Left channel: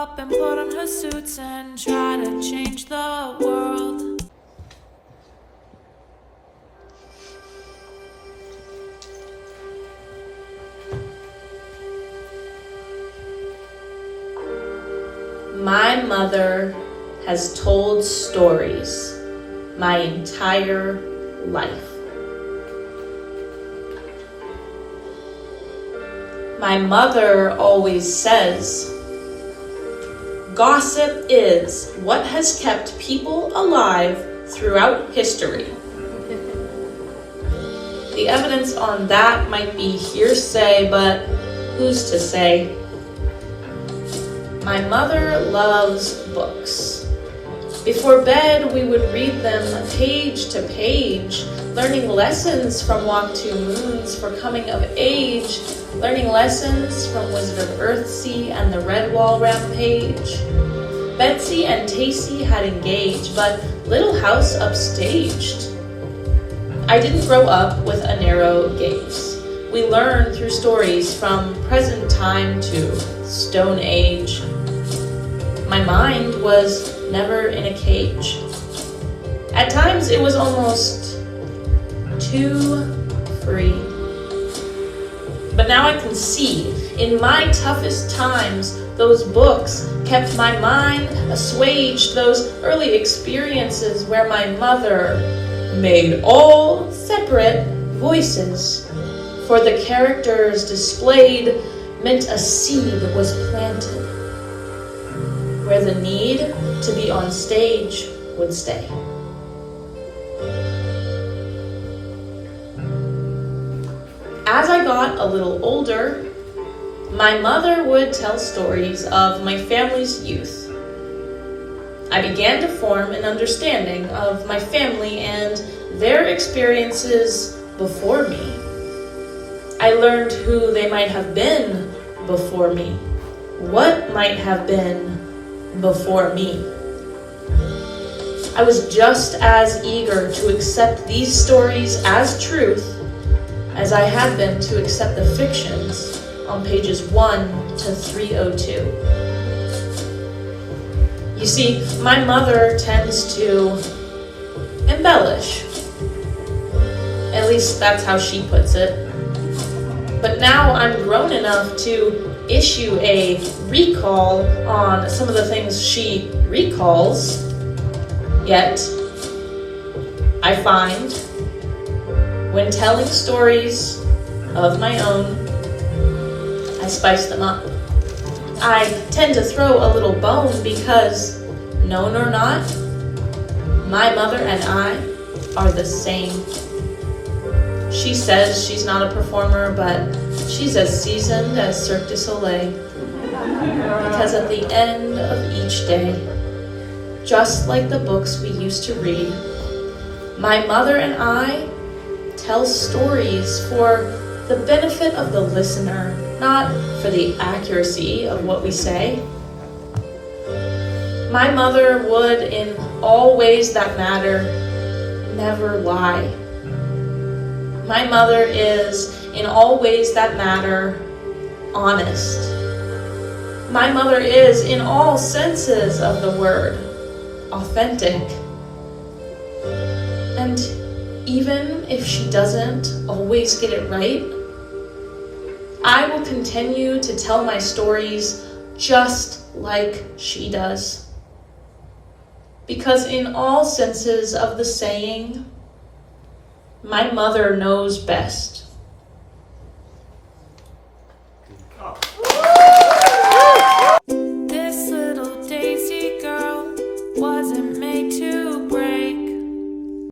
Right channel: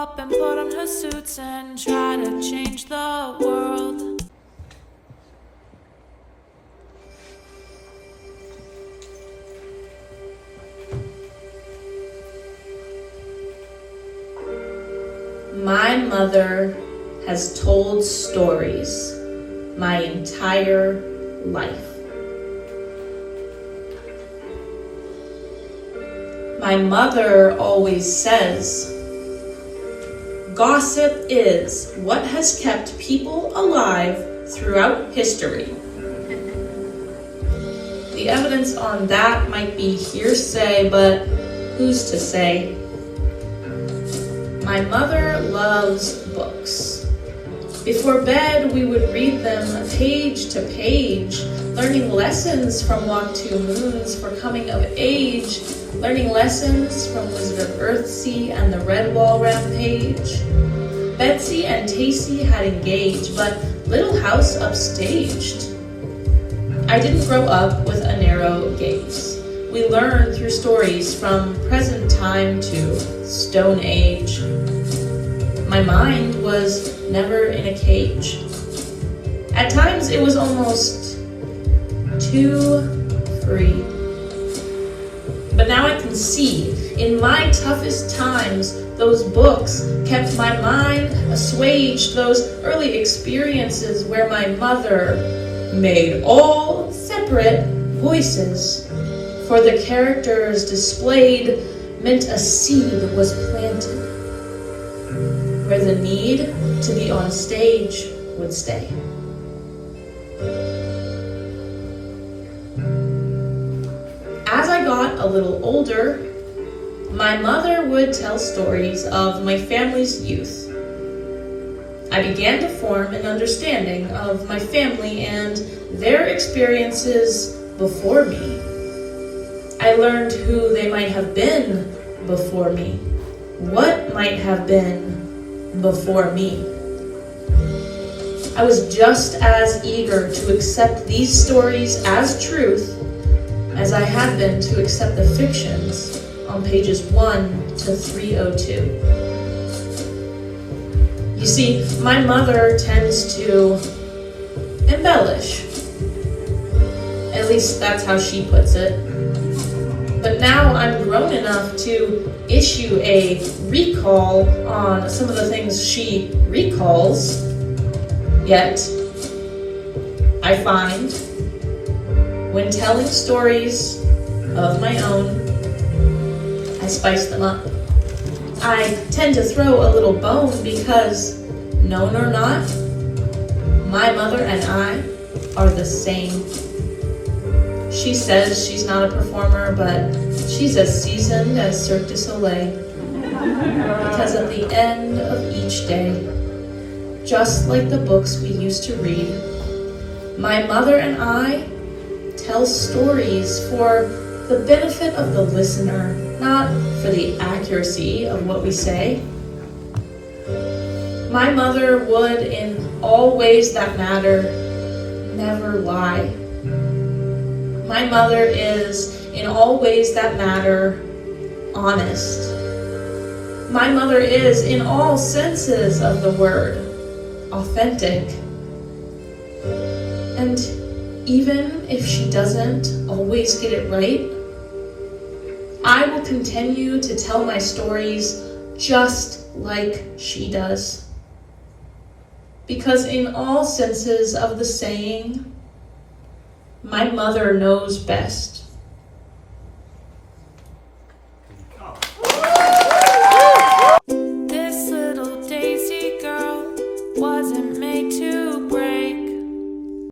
up and put on her suits and try to change the world. My mother has told stories my entire life. My mother always says, gossip is what has kept people alive throughout history. The evidence on that might be hearsay, but who's to say? My mother loves books. Before bed, we would read them page to page, learning lessons from Walk Two Moons for coming of age, learning lessons from Wizard of Earthsea and the Redwall Rampage. Betsy and Tacy had engaged, but Little House upstaged. I didn't grow up with a narrow gaze. We learned through stories from present time to Stone Age. My mind was never in a cage. At times it was almost too free. But now I can see, in my toughest times, those books kept my mind assuaged, those early experiences where my mother made all separate voices. For the characters displayed meant a seed was planted, where the need to be on stage would stay. As I got a little older, my mother would tell stories of my family's youth. I began to form an understanding of my family and their experiences before me. I learned who they might have been before me, what might have been before me. I was just as eager to accept these stories as truth as I had been to accept the fictions on pages 1 to 302. You see, my mother tends to embellish. At least that's how she puts it. But now I'm grown enough to issue a recall on some of the things she recalls. Yet, I find, when telling stories of my own, I spice them up. I tend to throw a little bone because, known or not, my mother and I are the same. She says she's not a performer, but she's as seasoned as Cirque du Soleil. Because at the end of each day, just like the books we used to read, my mother and I tell stories for the benefit of the listener, not for the accuracy of what we say. My mother would, in all ways that matter, never lie. My mother is, in all ways that matter, honest. My mother is, in all senses of the word, authentic. And even if she doesn't always get it right, I will continue to tell my stories just like she does. Because in all senses of the saying, my mother knows best.